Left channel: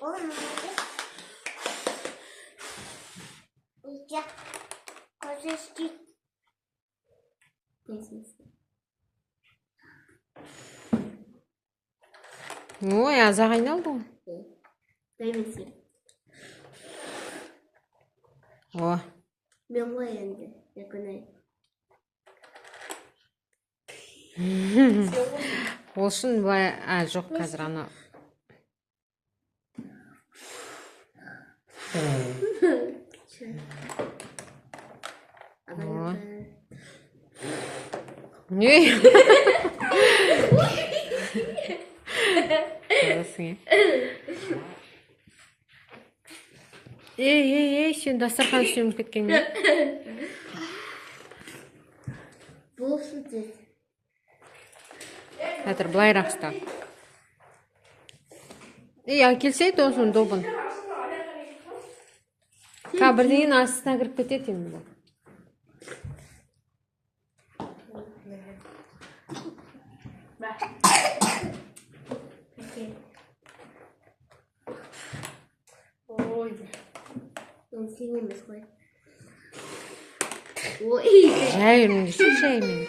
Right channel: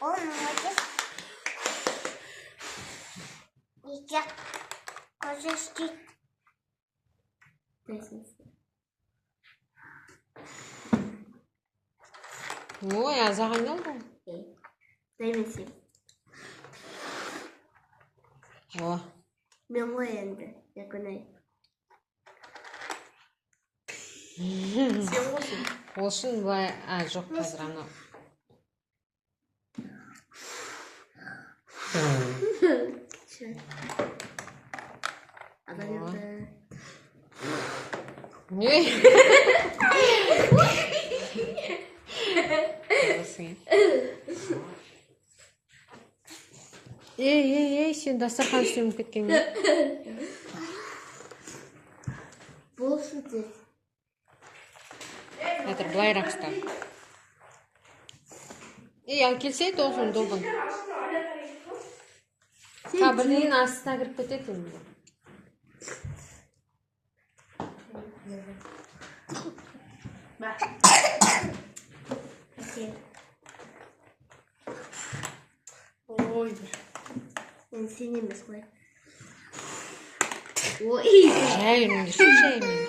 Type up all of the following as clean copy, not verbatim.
Olmadı. İşte koşuştu. Ну, я загайналdım. Neymesin? О. Ben bu yendi. Yakınay. Olsun baya жоқ қазір ана. Adam yaptı. Ne? Қаласың. Ей, сен дастархан үстеміп кеткен не? Болсын дед. Әтір былайрақ ұста. Әкелсейді осыны добын. Бірдеңен астына кіріп кетеді енді. Ой. Ben seni емес қой. Ой. Жай өрмеңде шу жай мен.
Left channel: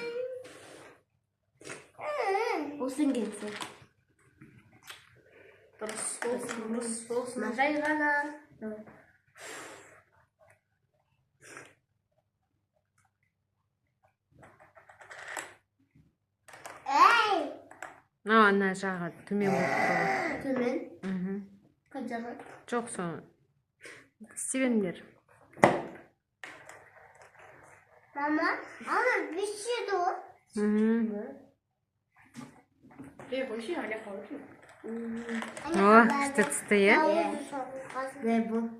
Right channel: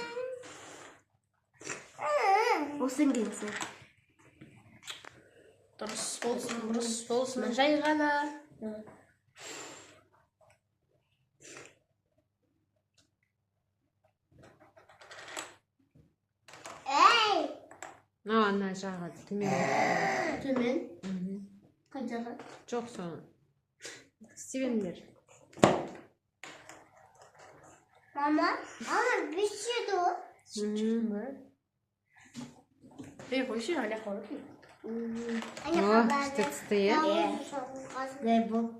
Болсын келсін. Дұрыс болсын. Жай ғана. Ана жағы төмен болып. Төмен. Қай жағы? Жоқ соны. İsteyemler. Mama, ama bir şey de o. Bir bu şey hala kalır mı? О, что-то я. Ne bu?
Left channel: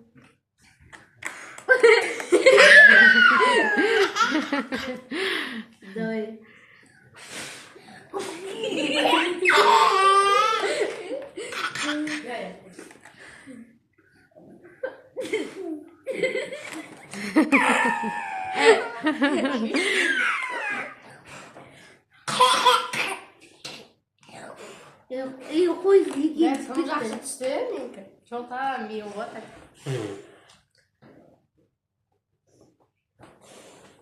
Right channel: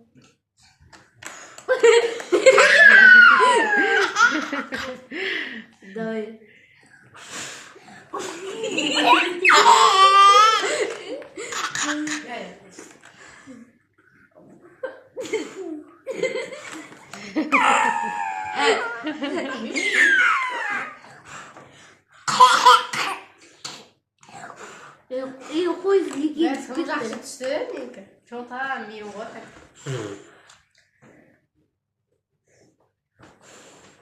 Давай. İyi koy Ben sana жақсы түсті менікі. Жолта мейім ғой.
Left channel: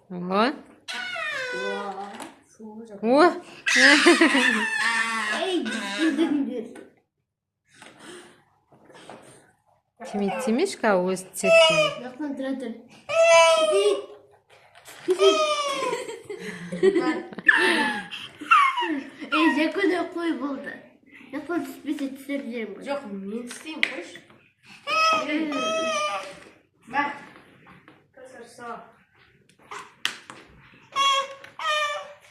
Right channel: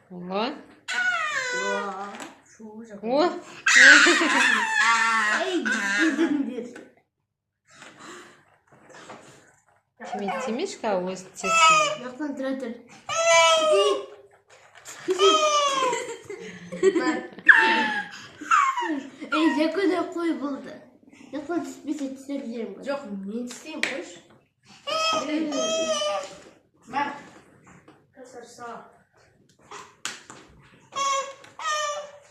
Вот. Фу, О. Ey, gidindir. Темечка өз цветіне. Yoqdan turadır. Ey, Jako'da koy buldu. Yoqdan түспесе түсірeceğim bunu. Жоқ, мен істеймін қойшы. Бәк. Көсірсі.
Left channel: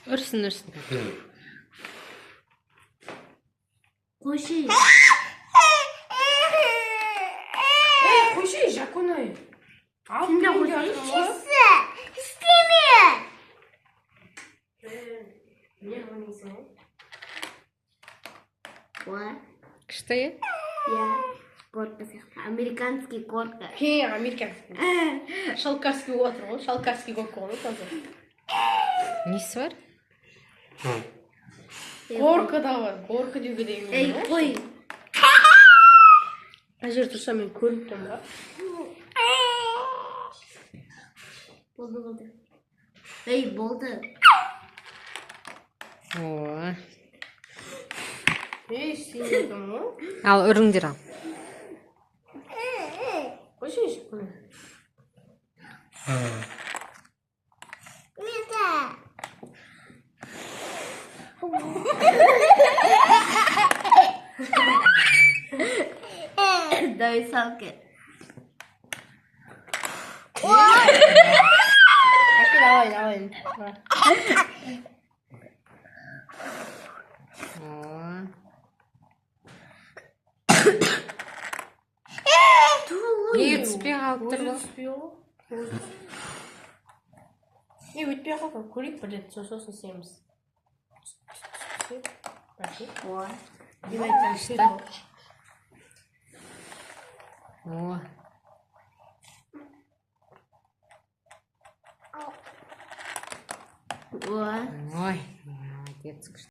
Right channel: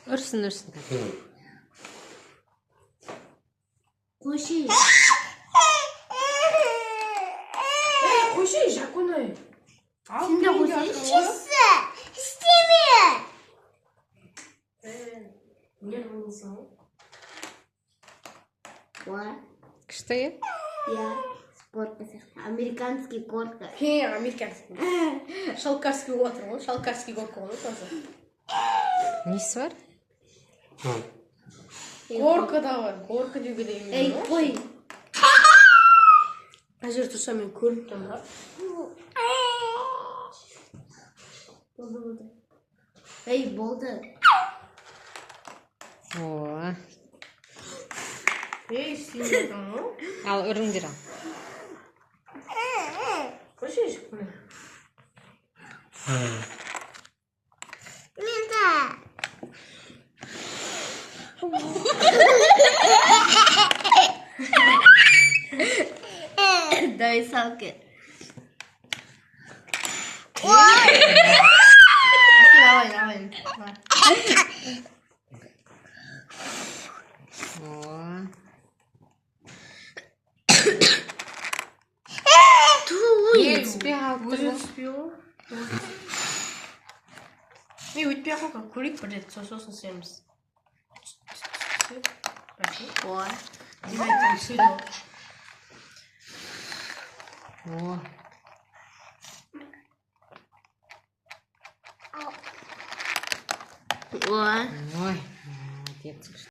Үрсін. Koşu. Қойшы, Жакуной. Şimdi koşu. Çizse. İstemiyor. Не ойнайсың ғой? Var. Что я? Ya. Горка сияқты. Американский горка. Американский. Шалкарский отыр ғой. Шалкарский горка ғой тоже. Несі бар? Горка да бар. Горка деуге де емес. Ey koy. Қай жер тұрса мен көріп тұрмын да. Buldu. Ey buldu. О. Ей, істеймін дедің ғой. Ал үріңдер ал. Қойшы, Жакуной. Ne de? Давай салки. Давай. О. Туй. Түспей қалып тұр Өзі ғой. түспей ғой. Өйтпей қалған көрейік бір рет сосын істейміз. Ой. О. Ой. Ой. Молодец.